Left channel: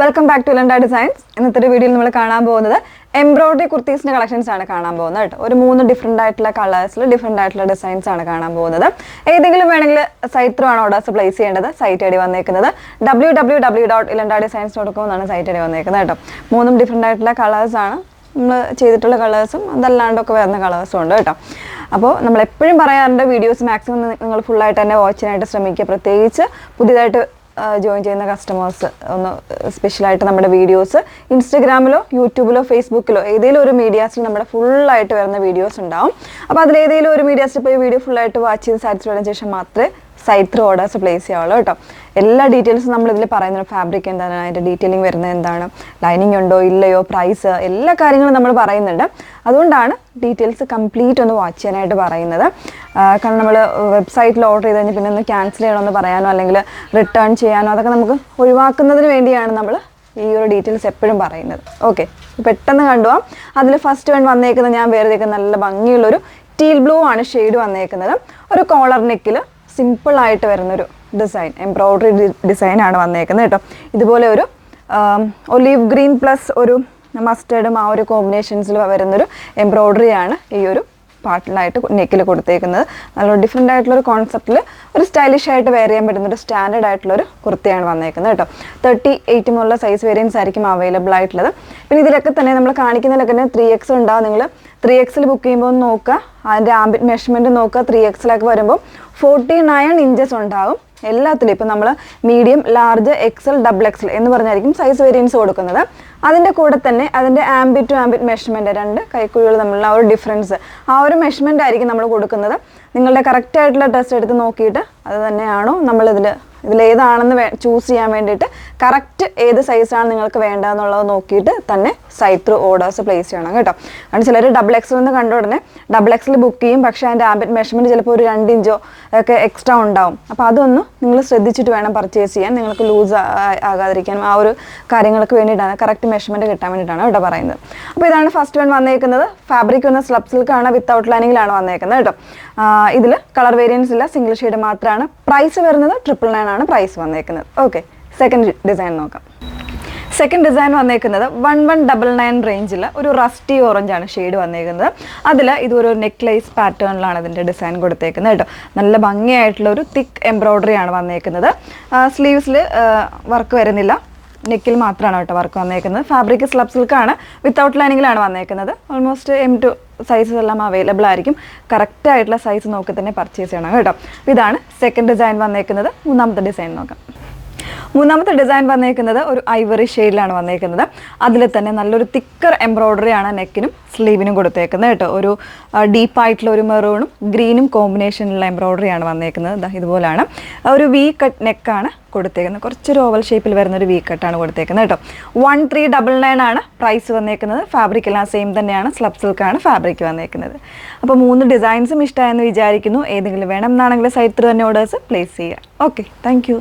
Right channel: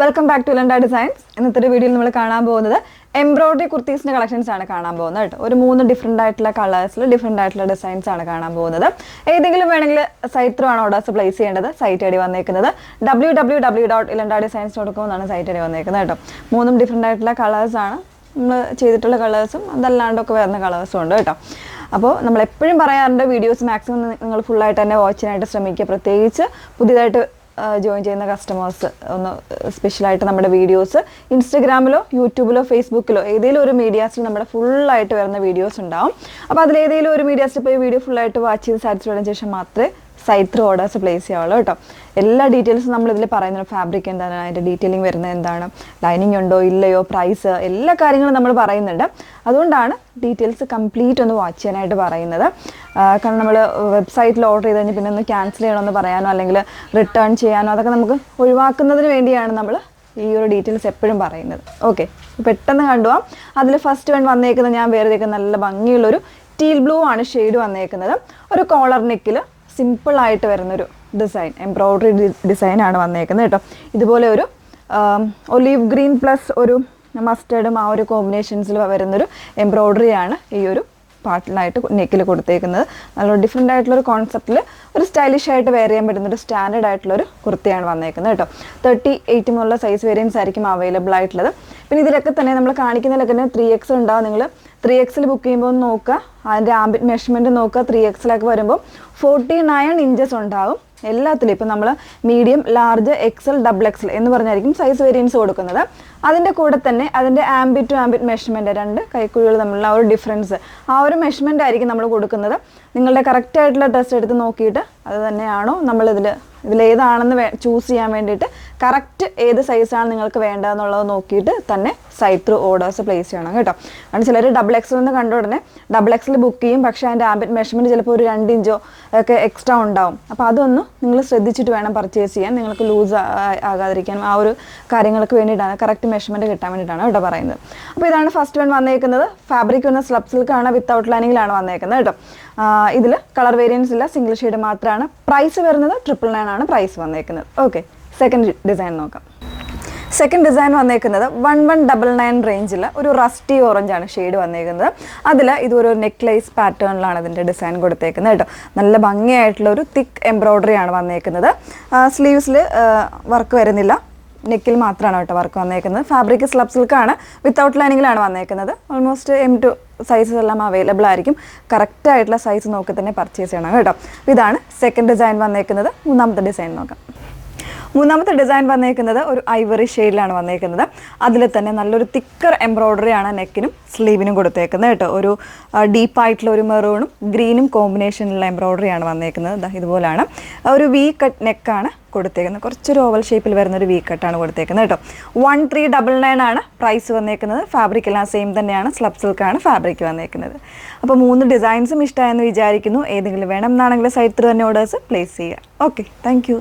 Welcome back to ലണ്ട designs. ഇന്നത്തെ വീഡിയോയിൽ നമ്മൾ കാണാൻ പോകുന്നത് എംബ്രോയിഡറി കുർത്തീസിന്റെ കളക്ഷൻസ് ആണ് കാണാൻ പോകുന്നത് കേട്ടോ. ഒരു 3 ഡിഫറെന്റ് ആയിട്ടുള്ള കളേഴ്സിൽ ഡിഫറെന്റ് ആയിട്ടുള്ള ഡിസൈൻസ് ആണ് കാണാൻ പോകുന്നത്. ഏതെങ്കിലും വേണമെങ്കിൽ സൈറ്റ് ത്രൂ ആണ് ഓർഡേഴ്സ് പ്ലേസ് ചെയ്യേണ്ടത്. സൈറ്റ് ഐഡി വന്നേക്കുന്നത് www.ilandadesigns.com എന്നാണ് സൈറ്റ് ഐഡി വന്നേക്കുന്നത് കേട്ടോ. 3 ഡിഫറെന്റ് ആയിട്ടുള്ള കളേഴ്സ് ആണ് നമ്മൾ ചെയ്തിട്ടുള്ള കളേഴ്സും അതല്ലാണ്ടൊക്കെ വരുന്ന കളേഴ്സും ഉണ്ട് കേട്ടോ. അപ്പോൾ നമ്മൾ എപ്പോഴും പറയാറുണ്ട്, വീഡിയോസ് മാക്സിമം നിങ്ങൾ ഫുള്ളായിട്ട് തന്നെ വാച്ച് ചെയ്യാനായിട്ട് ശ്രമിക്കുക. പ്രത്യേകിച്ച് പുതിയതായിട്ട് ജോയിൻ ചെയ്യുന്ന കസ്റ്റമേഴ്സ് ഒന്ന് സ്പെഷ്യലായിട്ട് നമ്മുടെ വീഡിയോസ് ഇൻസ്റ്റഗ്രാമിലോ യൂട്യൂബിലോ ഫേസ്ബുക്കിലോ ഏതെങ്കിലും ഒരു മീഡിയാസിൽ നമ്മുടെ ഫുള്ളായിട്ട് വരുന്ന വീഡിയോസ് ഉണ്ടാവും. അപ്പോൾ അതിലേതെങ്കിലും ഒരു മീഡിയാസിൽ പോയി വീഡിയോ ഫുള്ളായിട്ട് വാച്ച് ചെയ്ത് സാറ്റിസ്ഫൈഡ് ആയതിനു ശേഷം മാത്രമേ സൈറ്റ് ത്രൂ ഓർഡേഴ്സ് പ്ലേസ് ചെയ്യാവുള്ളൂ കേട്ടോ. എല്ലാ ഡീറ്റെയിൽസും നമ്മളിതിൽ പറയുന്നുണ്ട്. ഫാബ്രിക് എന്താണ്, അതിൻ്റെ ഡീറ്റെയിലിംഗ് വരുന്നത് എന്താണ്, ലൈനിങ് ഉണ്ടോ ഇല്ലയോ, പ്രൈസ്, എല്ലാ കാര്യങ്ങളും നമ്മൾ പറയുന്നുണ്ട്. അതുകൊണ്ടാണ് ഡീറ്റെയിൽസ് കംപ്ലീറ്റ് ഒന്ന് വാച്ച് ചെയ്യാനായിട്ട് പറയുന്നത്. കാരണം നമ്മൾ വെബ്സൈറ്റിൽ ഓർഡർ ചെയ്ത് കഴിഞ്ഞാൽ പിന്നെ ഒന്ന് ക്യാൻസൽ ചെയ്യണമെന്ന് പറയാനോ അല്ലെങ്കിൽ റിട്ടേൺ ചെയ്യാനോ അതൊക്കെ നമുക്ക് ഒഴിവാക്കുന്നതിന് വേണ്ടിയാണ് നമ്മൾ ഈ ഒരു ഡീറ്റെയിൽസ് എപ്പോഴും പറയുന്നത്. ഓക്കെ, പെട്ടെന്ന് കണ്ടുപോകാം. അതിൽ ഫസ്റ്റ് വൺ വന്നേക്കുന്നത് ഞാൻ വേറെ നല്ല ഭംഗിയുള്ളൊരു ടീൽ ബ്ലൂ ആണ് ഷെയ്ഡ് വന്നേക്കുന്നത്. ഒരു കോളർ നെക്കിൽ സിമ്പിൾ ആയിട്ട് വരുന്നൊരു ഡിസൈൻ, എംബ്രോയിഡറി ഡിസൈൻ ആണ് വന്നേക്കുന്നത് കേട്ടോ. ഇതുപോലെ ഒരു ഒലീവ് ഗ്രീൻ പ്ലസ് ഒരു മസ്റ്റേർഡും ആ ഒരു കോമ്പിനേഷൻസിൽ വരുന്നൊരു എംബ്രോയിഡറി ആണ് ഈ ഒരു പാർട്ടിലായിട്ട് നെക്കിൽ കൊടുത്തേക്കുന്നത്. നല്ലൊരു ഡിഫറെൻ്റ് ആയിട്ടുള്ളൊരു കോൺസെപ്റ്റിൽ ഒരു സ്റ്റൈലിഷ് ആയിട്ട് വെയർ ചെയ്യാൻ പറ്റുന്ന ഒരു സ്റ്റാൻഡേർഡ് ആയിട്ടുള്ളൊരു കുർത്തിയാണ് വന്നേക്കുന്നത് കേട്ടോ. 38 മുതലുള്ള സൈസ് വേരിയൻസ് ആയിരിക്കും അവൈലബിൾ ആയിട്ടുള്ളത്. പിന്നെ ഇതിലൊക്കെ തന്നെ നമ്മൾ കാണിക്കുന്നതിലൊക്കെ തന്നെ 3X ഉണ്ടാവും. നിങ്ങൾ 3Xൽ ബുക്ക് ചെയ്യുമ്പോൾ നോക്കുക, അതിൻ്റെ ആംബിറ്റ് മെഷർമെൻറ്റ് നോക്കുക. 3Xലൊക്കെ വരുമ്പോൾ 49 ഇഞ്ചസ് ഉണ്ടാവും എല്ലാത്തിലും. ഇപ്പം നമ്മൾ മീഡിയം, ലാർജ്, XL, XXL എന്ന് പറഞ്ഞായിരിക്കും സൈസ് വേരിയൻസ് കൊടുക്കുന്നത്. അതിൻ്റെ കൂടെ തന്നെ അതിൻ്റെ ആംബിറ്റ് ടു ആംബിറ്റ് മെഷർമെൻറ്റ്, 2 കൈക്കുഴികൾ തമ്മിലുള്ള ആ ഒരു ഡിഫറൻസ്, ആ ഒരു മെഷർമെൻ്റ് ആയിരിക്കും നമ്മൾ കൊടുക്കുന്നത്. നിങ്ങളുടെ കറക്റ്റ് ആയിട്ടുള്ള ടെസ്റ്റ് എടുത്ത് നോക്കിയിട്ട് അത് തന്നെയാണോ ഇതിലേതാണെന്ന് ചൂസ് ചെയ്യാൻ വേണ്ടിയിട്ട് കറക്റ്റ് ഏത് സൈസാണ് നിങ്ങൾക്ക് വേണ്ടതെന്നുള്ളത് നോക്കിയിട്ട് തന്നെ സൈറ്റ് ത്രൂ ഓർഡേഴ്സ് പ്ലേസ് ചെയ്യണം കേട്ടോ. കാരണം ചിലർ XXL എന്ന് കണ്ട ഉടനെ XXL ബുക്ക് ചെയ്യും, പക്ഷേ അതിൻ്റെ ആംബിറ്റ് മെഷർമെൻറ്റ് ചിലപ്പോൾ ഒരു 2 ഇഞ്ചോ ഒക്കെ എക്സ്ട്രാ ഉണ്ടാവും. അപ്പോൾ അതൊന്ന് നിങ്ങൾ ശ്രദ്ധിച്ചിട്ട് വേണം പർച്ചേസ് ചെയ്യാൻ. നിങ്ങൾക്ക് ലൂസ് ആകാതിരിക്കാനും ആ ഒരു കാര്യങ്ങൾക്ക് വേണ്ടിയിട്ടാണ്, കറക്റ്റ് മെഷർമെൻറ്റ് കിട്ടാൻ വേണ്ടിയിട്ടാണ് ഇവിടെ പറയുന്നത്. അപ്പോൾ ഇതാണ് ഫസ്റ്റ് വൺ വന്നേക്കുന്നത്. ഫാബ്രിക് വന്ന സ്ലബ് സിൽക്കാണ്, വിത്ത് ഔട്ട് ലൈനിങ്ങിലാണ് വന്നേക്കുന്നത് കേട്ടോ. ഇതിൽ കളർ വേരിയൻസ് ഇല്ല, സിംഗിൾ ഷെയ്ഡ് മാത്രമാണ്. പ്രൈസ് വരുന്നത് 999 ആണ് പ്രൈസ് വന്നേക്കുന്നത്. ഓക്കെ, സെക്കൻഡ് ഡിസൈൻ നോക്കാം. സെക്കൻഡ് ഡിസൈൻ വന്നേക്കുന്നത് 1199 റേഞ്ചിൽ ഒരു റസ്റ്റി ഓറഞ്ച് ആണ് ഷെയ്ഡ് വന്നേക്കുന്നത്. അതിൽ ഇതൊരു നെക്ലേസ് പാറ്റേണിലാണ് ഇതിൻ്റെ ഡിസൈൻ കൊടുത്തേക്കുന്നത് കേട്ടോ. നല്ല ഭംഗിയായിട്ടുള്ള ഒരു തിക്ക് എംബ്രോയിഡറി ആണ് വന്നേക്കുന്നത്. സ്ലീവ്സിൽ വർക്ക് വരുന്നില്ല, നെക്കിൽ മാത്രമാണ് കേട്ടോ വർക്ക് വന്നേക്കുന്നത്. ഫാബ്രിക് സ്ലബ് സിൽക്കാണ്, വിത്തൗട്ട് ലൈനിങ്ങിലാണ് വന്നേക്കുന്നത്. ഓൾമോസ്റ്റ് M2 സൈസസ് എല്ലാം അവൈലബിൾ ആയിരിക്കും. കറക്റ്റ് ആയിട്ടുള്ള സൈസ് നോക്കി തന്നെ പർച്ചേസ് ചെയ്യണം കേട്ടോ. ഇതാണ് സെക്കൻഡ് ഡിസൈൻ വന്നേക്കുന്നത്. മൂന്നാമത്തെ ഡിസൈൻ നോക്കാം. മൂന്നാമത്തെ ഡിസൈൻ വന്നേക്കുന്നത് ഒരു ഐവറി ഷെയ്ഡിലാണ് വന്നേക്കുന്നത്. അതിൽ തന്നെ നല്ലൊരു തിക്കർ എംബ്രോയിഡറി ആണ് നെക്കിനും സ്ലീവിനും കൊടുത്തേക്കുന്നത് കേട്ടോ. ഒരു ഡീപ്പായിട്ടുള്ള ഒരു മെറൂണും ഗ്രീനും കോമ്പിനേഷനിലുള്ള എംബ്രോയിഡറി ആണ് വന്നേക്കുന്നത്. ഇതുപോലെയാണ് ഒരു വി കട്ട് നെക്കാണ് കൊടുത്തേക്കുന്നത്. കുറച്ചൊരു ഓവൽ ഷേപ്പിൽ വരുന്ന ഒരു വി കട്ടാണ് കൊടുത്തേക്കുന്നത് കേട്ടോ. 1399 ആണ് പ്രൈസ് വന്നേക്കുന്നത്. ഫാബ്രിക് എല്ലാം സെയിം തന്നെയാണ്, സ്ലബ് സിൽക്കാണ് ഫാബ്രിക് വന്നേക്കുന്നത്. അപ്പോൾ 3 ഡിസൈൻസും ഇഷ്ടമായെന്ന് വിചാരിക്കുന്നു. ഏതെങ്കിലും വേണം എന്നാണെങ്കിൽ സൈറ്റ് ത്രൂ തന്നെ ഓർഡേഴ്സ് പ്ലേസ് ചെയ്യുക. Okay, thank you.